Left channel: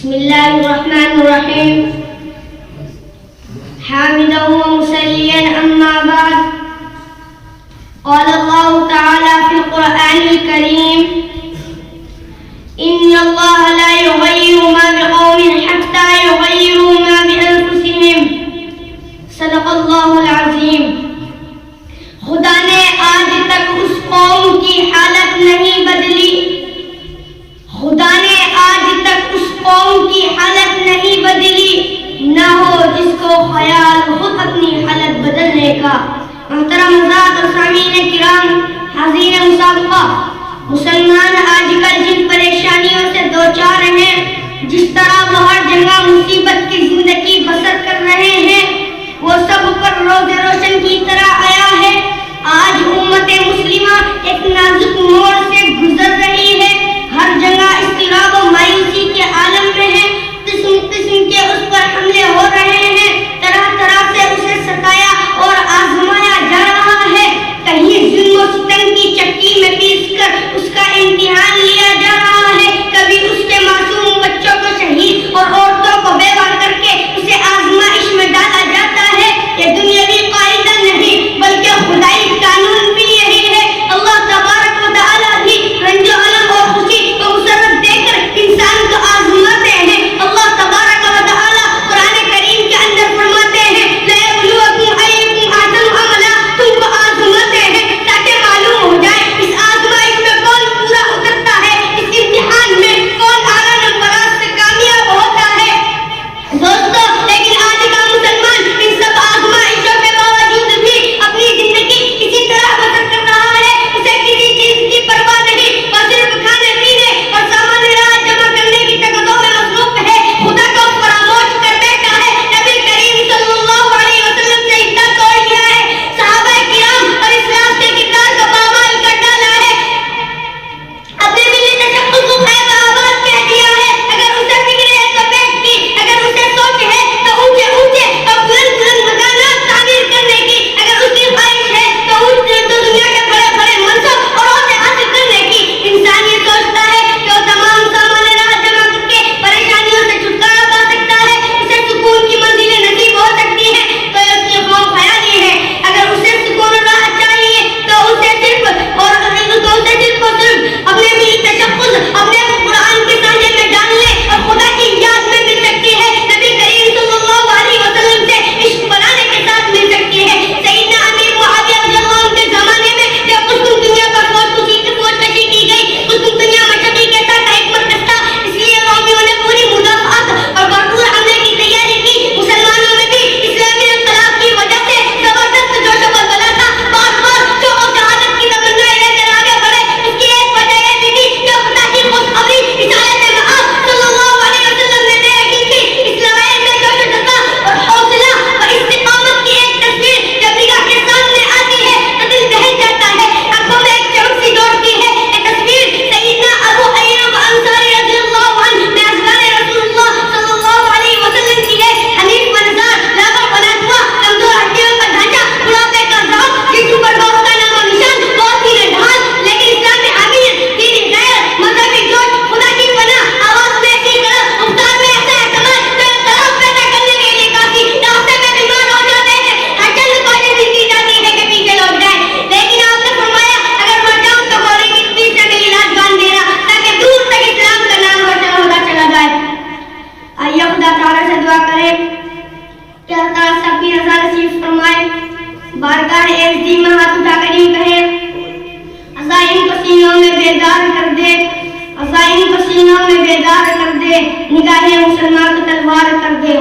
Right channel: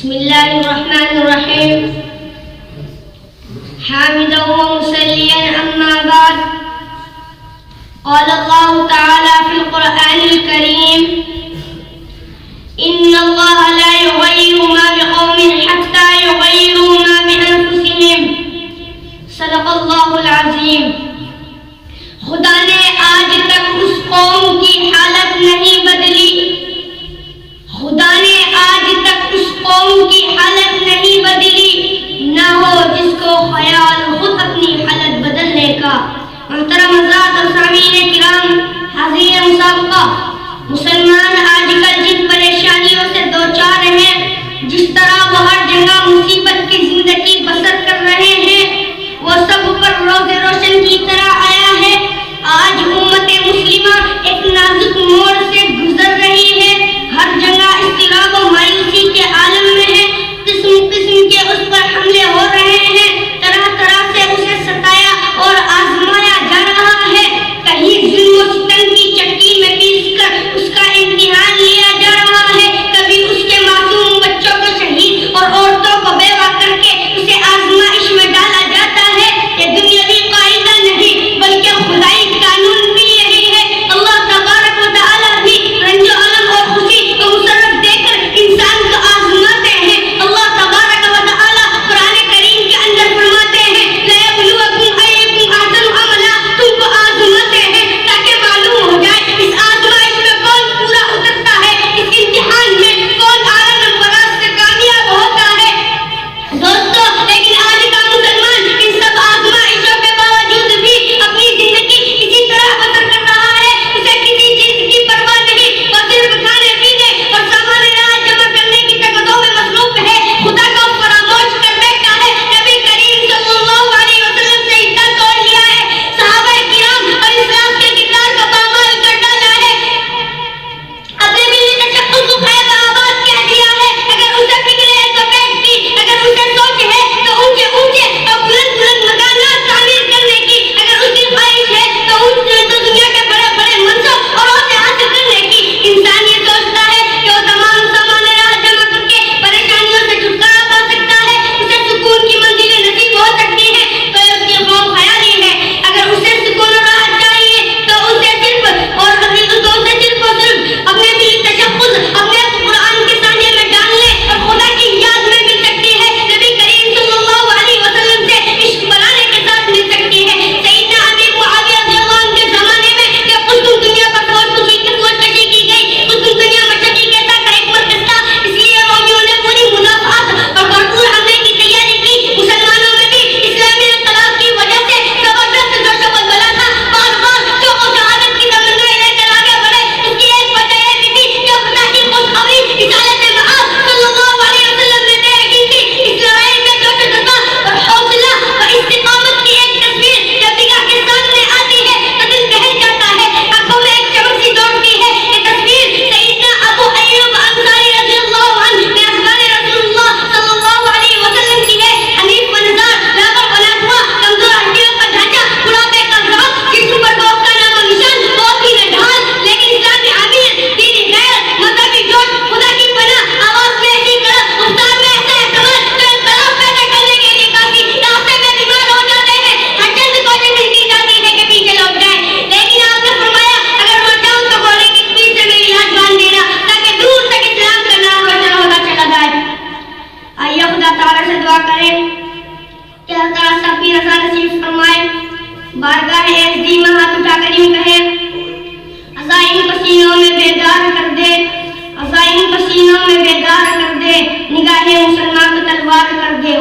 بسم الله الرحمن الرحيم حامدا ومصليا أما بعد قال الله تعالى في القرآن الكريم إن الله لا يغير ما بقوم حتى يغيروا ما بأنفسهم صدق الله العظيم. خدا نے آج تک اس قوم کی حالت نہیں بدلی، خدا نے آج تک اس قوم کی حالت نہیں بدلی، نہ ہو جس کو خیال خود اپنی حالت بدلنے کا. محترم حضرات اور سامعین کرام، حاضرین مسابقہ، مسلمان آج کل جن پریشانیوں سے دوچار ہیں، جس طرح وہ ہر جگہ مصیبت کی زندگی بسر کر رہے ہیں، وہ سب پر روز روشن کی طرح آیا ہے. آج امت مسلمہ ایک نازک موڑ سے گزر رہی ہے، ہر جگہ اضطراب و مایوسی کے عالم میں ہے. قسم قسم کے اس پر حملے ہو رہے ہیں، طرح طرح سے اسے ستایا اور آزمایا جا رہا ہے. کہیں ظلم و ستم کی چکی میں پیس کر اس کا امتحان لیا جا رہا ہے، کبھی اس کے معصوم بچوں کو شہید اور عورتوں کو بیوہ کر کے اسے آزمائش میں ڈالا جاتا ہے. یہ دنیاوی قاعدہ نہیں بلکہ خدائی قانون بھی یہی ہے. اللہ تبارک و تعالی بھی رنج و الم اور خوشی کو مسرت دے کر انسان کو آزماتے ہیں. اللہ تبارک و تعالی قرآن کریم کے اندر فرماتے ہیں لَيَبْلُوَكُمْ أَيُّكُمْ أَحْسَنُ عَمَلًا، تم کو آزماتے ہیں تاکہ معلوم ہو جائے اس آزمائش میں کون پورا اترتا ہے، اس امتحان میں کون اعلیٰ نمبرات سے کامیاب ہوتا ہے. دوستو، لیکن آج کا مسلمان ان سب آزمائشوں کے باوجود بھی اپنی زندگی اسی طرح بسر کر رہا ہے. اسے کسی چیز کی پرواہ نہیں، وہ صرف کھانے پینے اور سامان راہ جمع کرنے کی تگدوں میں مصروف ہے. خدا کو فراموش کر بیٹھا ہے. نبی کریم صلی اللہ علیہ وسلم سے حصہ توڑ لیا ہے. صحابہ کرام اور اسلام کے کردار کو پامال کر ڈالا ہے. اپنے ملی تشخص کو خیر آباد کہہ دیا ہے. اگر اسے فکر ہے تو بیٹھ کی، اگر اسے سوچ ہے تو اونچے اونچے اور بلند بلند مکانات تعمیر کرنے کی، اگر اس کی خواہش ہے تو دنیا کے بڑے بڑے منصب اور عہدے حاصل کرنے کی. انسان یہ سوچتا ہے کہ وہ تمام سامان راہ جمع کر کے پریشانیوں سے چھٹکارا پا سکتا ہے، اسے سکون کی منزلیں نصیب ہو سکتی ہیں، تو یہ اس کی خواہ خیالی ہے. اگر اسے سکون و راحت چاہیے تو اسے صرف اپنے ملی تشخص اپنے قرآن کے سانجے میں ڈال لے اور خدا کی یاد میں مل سکتی ہے. نبی کریم صلی اللہ علیہ وسلم سے عشق بنانے کے ساتھ مل سکتی ہے. سیدنا امیر معاویہ رضی اللہ عنہ کے زمانے میں جب قسطم دنیا پر فوج کشی کی گئی، قسطم دنیا مشرقی کے ساتھ ایک مرکز تھا، اس لیے رومیوں نے پوری مدافعت اور بھرپور حملے کی تیاری کی. مسلمانوں میں بھی اسلامی انقلاب کی وجہ سے زبردست جوش و بلبلہ تھا، بار بار شوق و شہادت کی تمنائیں لے کر آگے بڑھے. اس کی ایک وجہ یہ بھی تھی کہ خدا کی خوشخبری رسالت مآب صلی اللہ علیہ وسلم نے دے رکھی تھی. اسرائیل میں جوش و جذبہ اور حوصلہ اور استقامت کی ایک تصویر جب نگاہ کے سامنے آتی ہے تو دل بہل جاتا ہے، آنکھوں میں ایک چمک سی دوڑتی ہے. یہ تصویر سیدنا ابو ایوب انصاری رضی اللہ عنہ میں ازواج رسول اللہ صلی اللہ علیہ وسلم کی ہے. حنیف منظر، لاغر بنا ہوا، کمزور ہڈیوں کا ڈھانچہ، بڑھاپے کا ذوق، جسم پر خوف کا نام و نشان، بہت ہی ڈھال، لیکن اسلامی حمیت، دینی غیرت، مذہبی جوش، خدا کی پناہ، آواز میں ایسی کڑک، گفتار میں ایسا اعتماد جو انقلاب پیدا کرنے کے لیے کافی. راستے میں بیمار ہو جاتے ہیں، ہر چند کوشش کی جاتی ہے کہ پیچھے لوٹ جائیں، لیکن آپ نے فرمایا اگر مر جاؤں تو گھوڑے کی پیٹھ سے میری لاش باندھ دینا تاکہ دور تک اسلام کا نام روشن ہوتا چلا جائے. آئیے خدا تعالیٰ سے دعا کریں کہ اللہ تعالیٰ سے اپنی رضا نصیب فرمائے. بارگاہ عزیز میں ہاتھ اٹھا کر یوں کہیں عزائم پسینوں میں بیدار کر دے، عزائم پسینوں میں بیدار کر دے، نگاہ مسلمان کو تلوار کر دے.